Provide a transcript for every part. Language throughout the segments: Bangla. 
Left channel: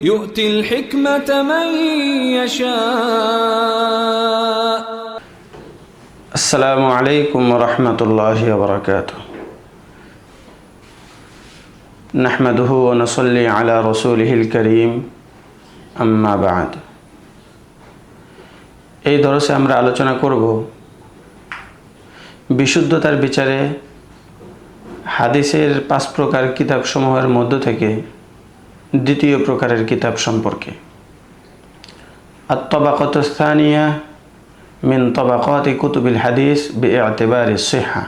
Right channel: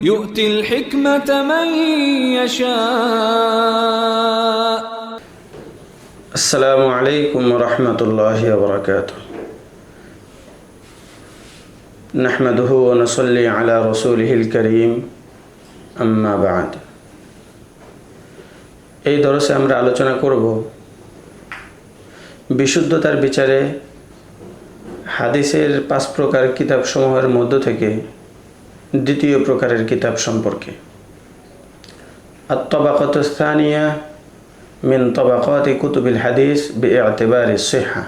يؤتي الحكمة من يشاء السلام عليكم ورحمة الله وبركاته نحمده ونصلي على رسوله الكريم أما بعد এই দরসে আমরা আলোচনা করব বিশুদ্ধতার বিচারে হাদিসের পাঁচ প্রকার কিতাবসমূহের মধ্য থেকে দ্বিতীয় প্রকারের কিতাব সম্পর্কে। আত্মবাকতস্থানিয়া মিন তবাকাতি কুতুবিল হাদিস বি সেহা।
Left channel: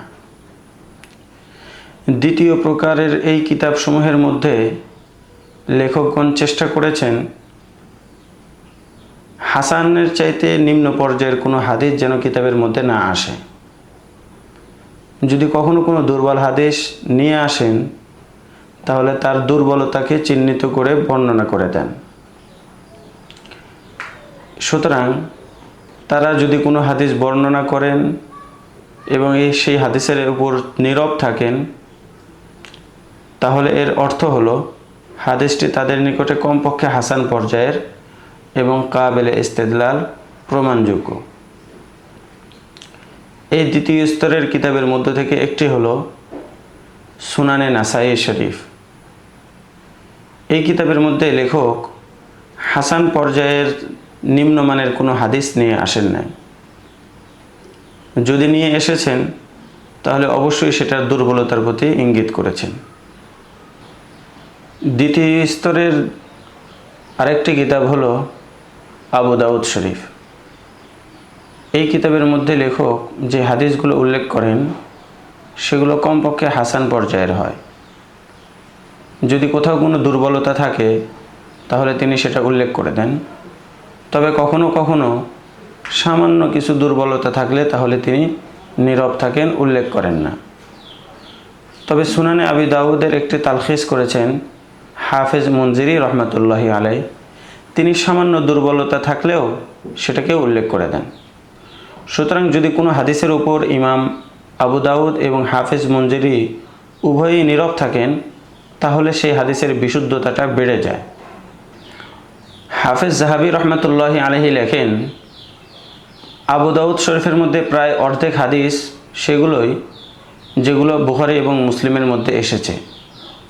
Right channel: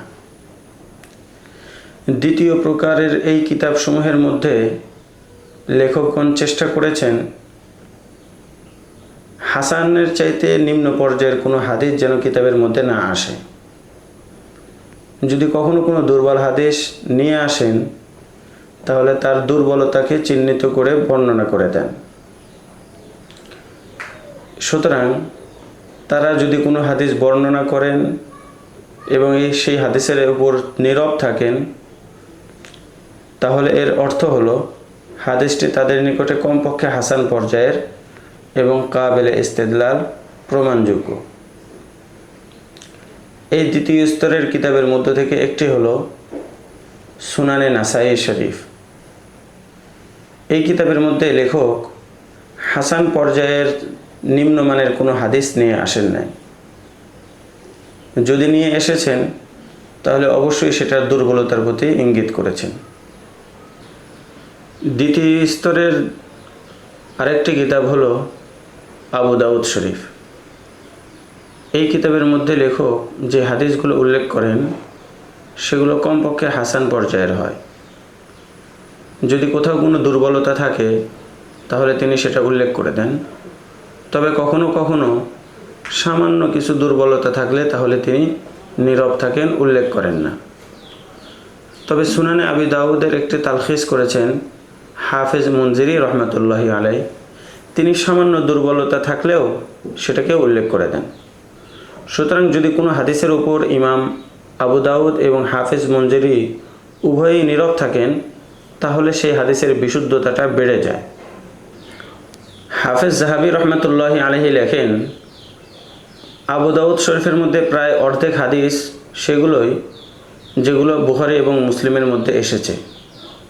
দ্বিতীয় প্রকারের এই কিতাবসমূহের মধ্যে লেখকগণ চেষ্টা করেছেন, হাসানের চাইতে নিম্ন পর্যায়ের কোনো হাদিস যেন কিতাবের মধ্যে না আসে। যদি কখনো কোনো দুর্বল হাদিস নিয়ে আসেন তাহলে তার দুর্বলতাকে চিহ্নিত করে বর্ণনা করে দেন। সুতরাং তারা যদি কোনো হাদিস বর্ণনা করেন এবং এই সেই হাদিসের উপর নীরব থাকেন, তাহলে এর অর্থ হলো হাদিসটি তাদের নিকটে কমপক্ষে হাসান পর্যায়ের এবং কাবেলে ইস্তেদলাল প্রমাণযোগ্য। এই দ্বিতীয় স্তরের কিতাবের মধ্য থেকে একটি হলো সুনানে নাসাই শরীফ। এই কিতাবের মধ্যে লেখক হাসান পর্যায়ের নিম্নমানের কোনো হাদিস নিয়ে আসেন নাই। যদি নিয়ে এসেছেন, তাহলে অবশ্যই সেটার দুর্বলতার প্রতি ইঙ্গিত করেছেন। দ্বিতীয় স্তরের আরেকটি কিতাব হলো আবু দাউদ শরীফ। এই কিতাবের মধ্যে লেখক যে হাদিসগুলো উল্লেখ করেন, সেগুলো কমপক্ষে হাসান পর্যায়ের হয়। যদি কোথাও কোনো দুর্বলতা থাকে, তাহলে তিনি সেটা উল্লেখ করে দেন। তবে কখনো কখনো সামান্য কিছু দুর্বলতা থাকলে তাহলে তিনি নীরব থাকেন, উল্লেখ করেন না। তবে সুনানে আবি দাউদের একটি তালখিস করেছেন হাফেজ মঞ্জিরি রহমতুল্লাহি আলাই। তিনি সামান্য দুর্বলতা থাকলেও সেটাকে উল্লেখ করে দেন। সুতরাং যদি কোনো হাদিসের উপর ইমাম আবু দাউদ এবং হাফেজ মঞ্জিরি উভয়ই নীরব থাকেন তাহলে সেই হাদিসের বিশুদ্ধতাটা বেড়ে যায়। হাফেজ জাহাবি রহমতুল্লাহ আলহি লেখেন, আবু দাউদ শরীফের মধ্যে প্রায় অর্ধেক হাদিস সেগুলোই যেগুলো বুখারি এবং মুসলিমের মধ্যে এসেছে,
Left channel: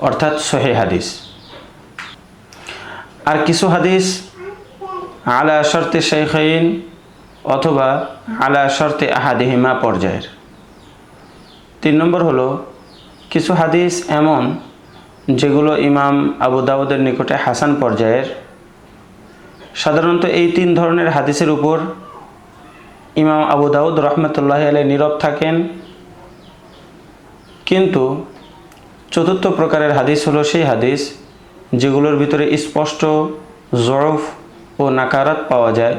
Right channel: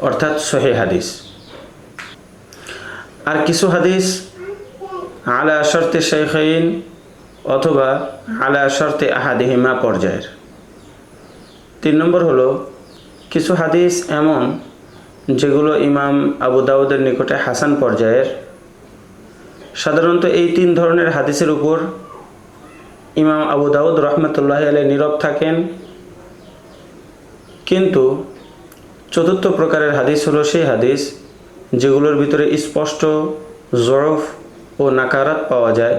অর্থাৎ সহে হাদিস। আর কিছু হাদিস আলা শর্তে শেখাইন অথবা আলা শর্তে আহাদিহিমা পর্যায়ের। তিন নম্বর হলো, কিছু হাদিস এমন যেগুলো ইমাম আবু দাউদের নিকটে হাসান পর্যায়ের। সাধারণত এই তিন ধরনের হাদিসের উপর ইমাম আবু দাউদ রহমতুল্লাহ আলাই নীরব থাকেন। কিন্তু চতুর্থ প্রকারের হাদিস হলো সেই হাদিস যেগুলোর ভিতরে স্পষ্ট জরফ ও নাকারাত পাওয়া যায়।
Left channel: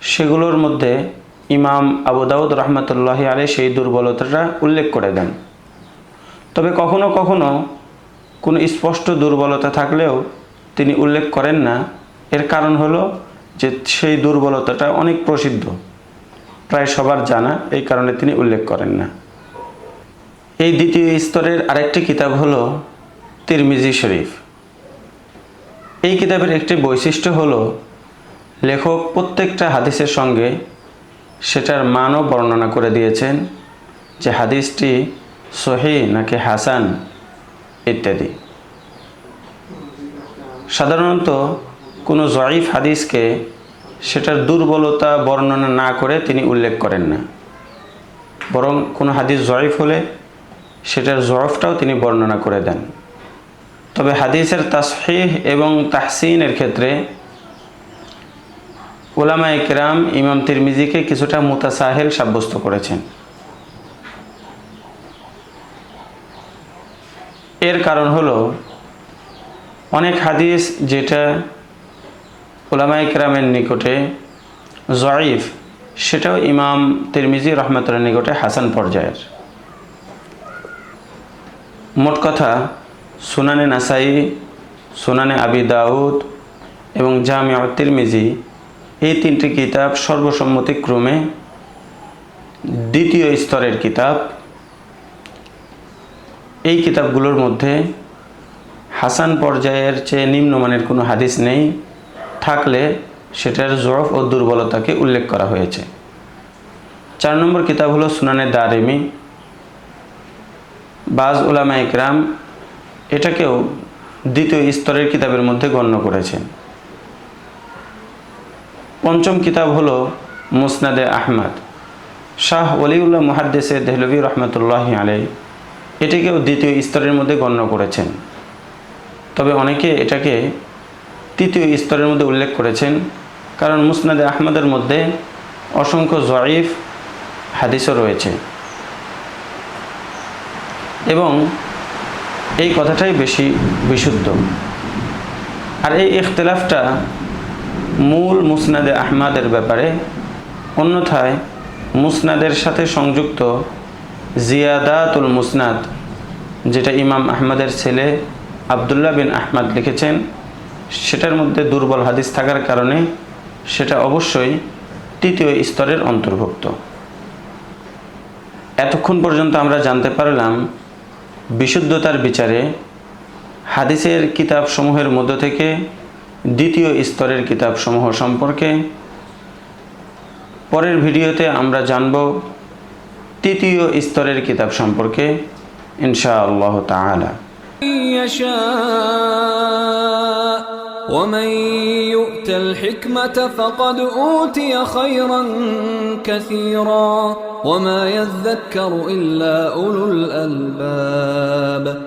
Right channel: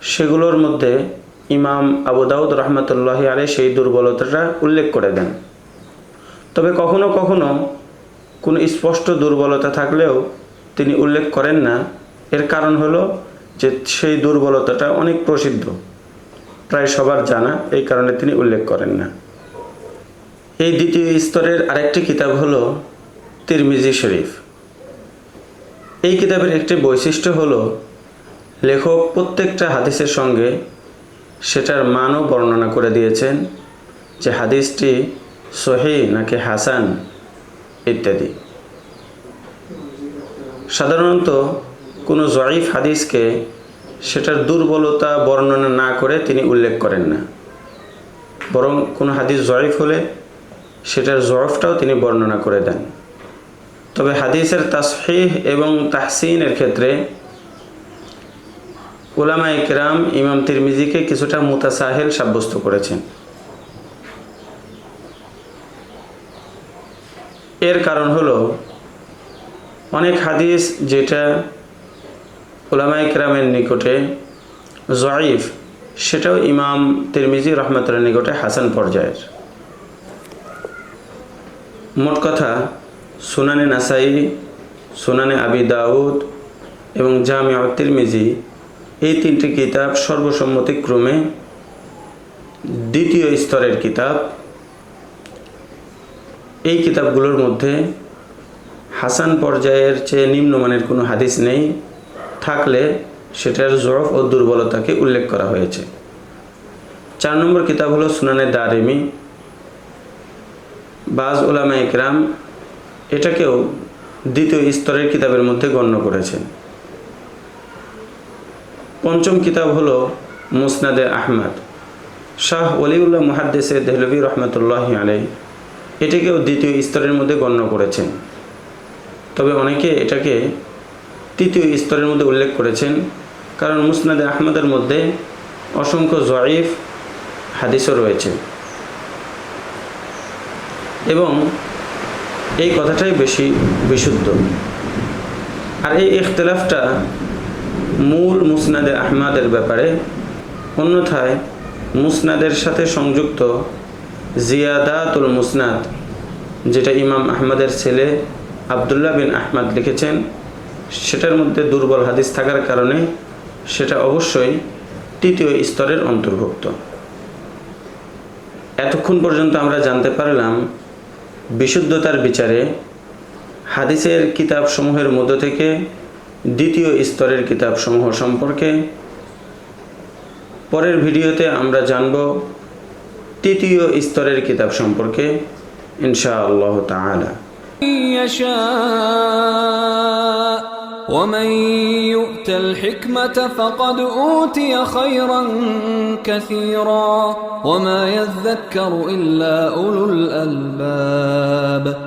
সেগুলোর মধ্যে ইমাম আবু দাউদ রহমতুল্লাহ আলাই সেই দুর্বলতাটা উল্লেখ করে দেন। তবে কখনো কখনো কোনো স্পষ্ট দুর্বলতা থাকলেও তিনি উল্লেখ করেন না। এর কারণ হলো যে সেই দুর্বলতাটা অনেক প্রসিদ্ধ। প্রায় সবার জানা, এই কারণে তিনি উল্লেখ করেন না। এই দ্বিতীয় স্তরের আরেকটি কিতাব হলো তিরমিজি শরীফ। এই কিতাবের একটি বৈশিষ্ট্য হলো, লেখক প্রত্যেকটা হাদিসের সঙ্গে সেটার মানও বর্ণনা করে দিয়েছেন যে হাদিসটি সহি নাকি হাসান। ইত্যাদি। সাধারণত কোনো জয়ীফ হাদিসকে সেটার দুর্বলতা বর্ণনা না করে তিনি উল্লেখ করেন না। বরং কোনো হাদিস জয়ীফ হলে সেটার জরফটাও তিনি বর্ণনা করে দেন। তবে হাদিসের তাসহিহ এবং তাহসিনের ক্ষেত্রে ওলামা ইকরাম ইমাম তিরমিজিকে কিছুটা মুতাসাহেল সাব্যস্ত করেছেন। এর কারণ হলো, অনেক হাদিস যেটা ওলামাই কেরামের নিকটে জয়ীফ, সেটাও ইমাম তিরমিজি রহমতুল্লাহ নিকটে হাসান পর্যায়ের। মোট কথা, সুনানে নাসাই, সুনানে আবি দাউদ এবং জামিয়া তিরমিজি এই তিনটি কিতাব সর্বসম্মতিক্রমে দ্বিতীয় স্তরের কিতাব। এই কিতাবগুলোর মধ্যে হাসান পর্যায়ের চেয়ে নিম্নমানের কোনো হাদিস নেই। থাকলে সেটার জরফ ও দুর্বলতাকে উল্লেখ করা হয়েছে। চার নম্বর কিতাব হলো সুনানের দারিমি। বাজ ওলামা ইকরাম এটাকেও দ্বিতীয় স্তরের কিতাবের মধ্যে গণ্য করেছেন। পঞ্চম কিতাব হলো মুসনাদে আহমদ। শাহ ওলিউল্লাহ মুহাদ্দেসে দেহলভি রহমতুল্লাহ আলাই এটিকেও দ্বিতীয় স্তরের মধ্যে গণ্য করেছেন। তবে অনেকে এটাকে তৃতীয় স্তরের মধ্যে উল্লেখ করেছেন, কারণ মুসনাদে আহমদের মধ্যে অসংখ্য জয়ীফ হাদিসও রয়েছে। এবং এই কথাটাই বেশি বিশুদ্ধ। আর এই ইখতলাফটা মূল মুসনাদে আহমাদের ব্যাপারে, অন্যথায় মুসনাদের সাথে সংযুক্ত জিয়াদাতুল মুসনাদ, যেটা ইমাম আহমদের ছেলে আবদুল্লাহ বিন আহমদ লিখেছেন, সেটার মধ্যে দুর্বল হাদিস থাকার কারণে সেটা অবশ্যই তৃতীয় স্তরের অন্তর্ভুক্ত। এতক্ষণ পর্যন্ত আমরা জানতে পারলাম, বিশুদ্ধতার বিচারে হাদিসের কিতাবসমূহের মধ্য থেকে দ্বিতীয় স্তরের কিতাবসমূহ সম্পর্কে। পরের ভিডিওতে আমরা জানব তৃতীয় স্তরের কিতাব সম্পর্কে ইনশা আল্লাহ তাআলা يشاء ومن يؤت الحكمة فقد أوتي خيرا كثيرا وما يذكر إلا أولو الألباب